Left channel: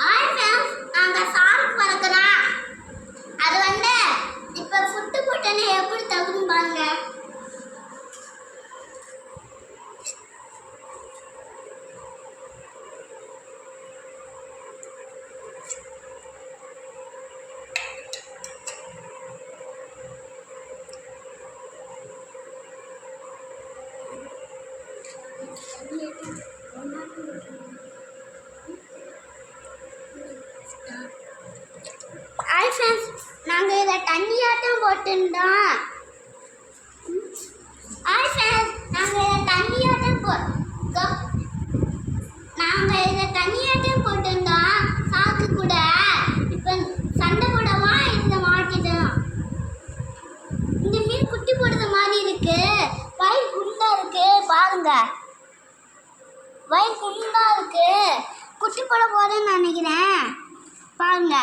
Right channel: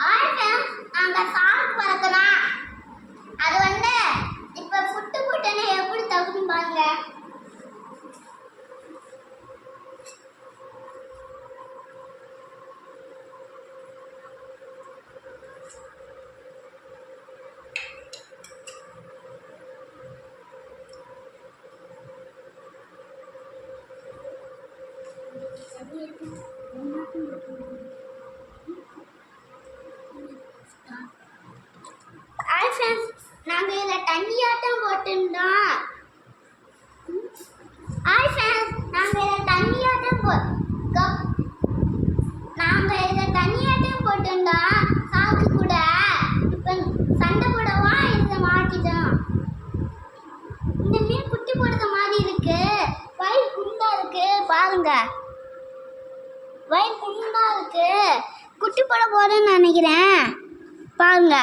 நாங்க சாக்கு வளர்க்கலாம். அது வந்து இப்ப புட்டு போட்டேன்னு எப்படி தகுதுன்னு பாருங்க. நாங்கள் இதை தண்ணியாட்டம் போட்டுருந்தோம். நாங்கள் இதை தண்ணியாட்டம் போட்டுருந்தோம் சாக்கு கூட. இப்போ சண்டை போடவா இதை மாட்டிட்டோம். இந்த மீன் குட்டி போடுற மாதிரி இருக்கு. வயிறு குண்டா இருக்கு பாருங்க. வயிறு குண்டா இருக்கு. குட்டி போட போறேன்னு நினைக்கிறேன் பாருங்க.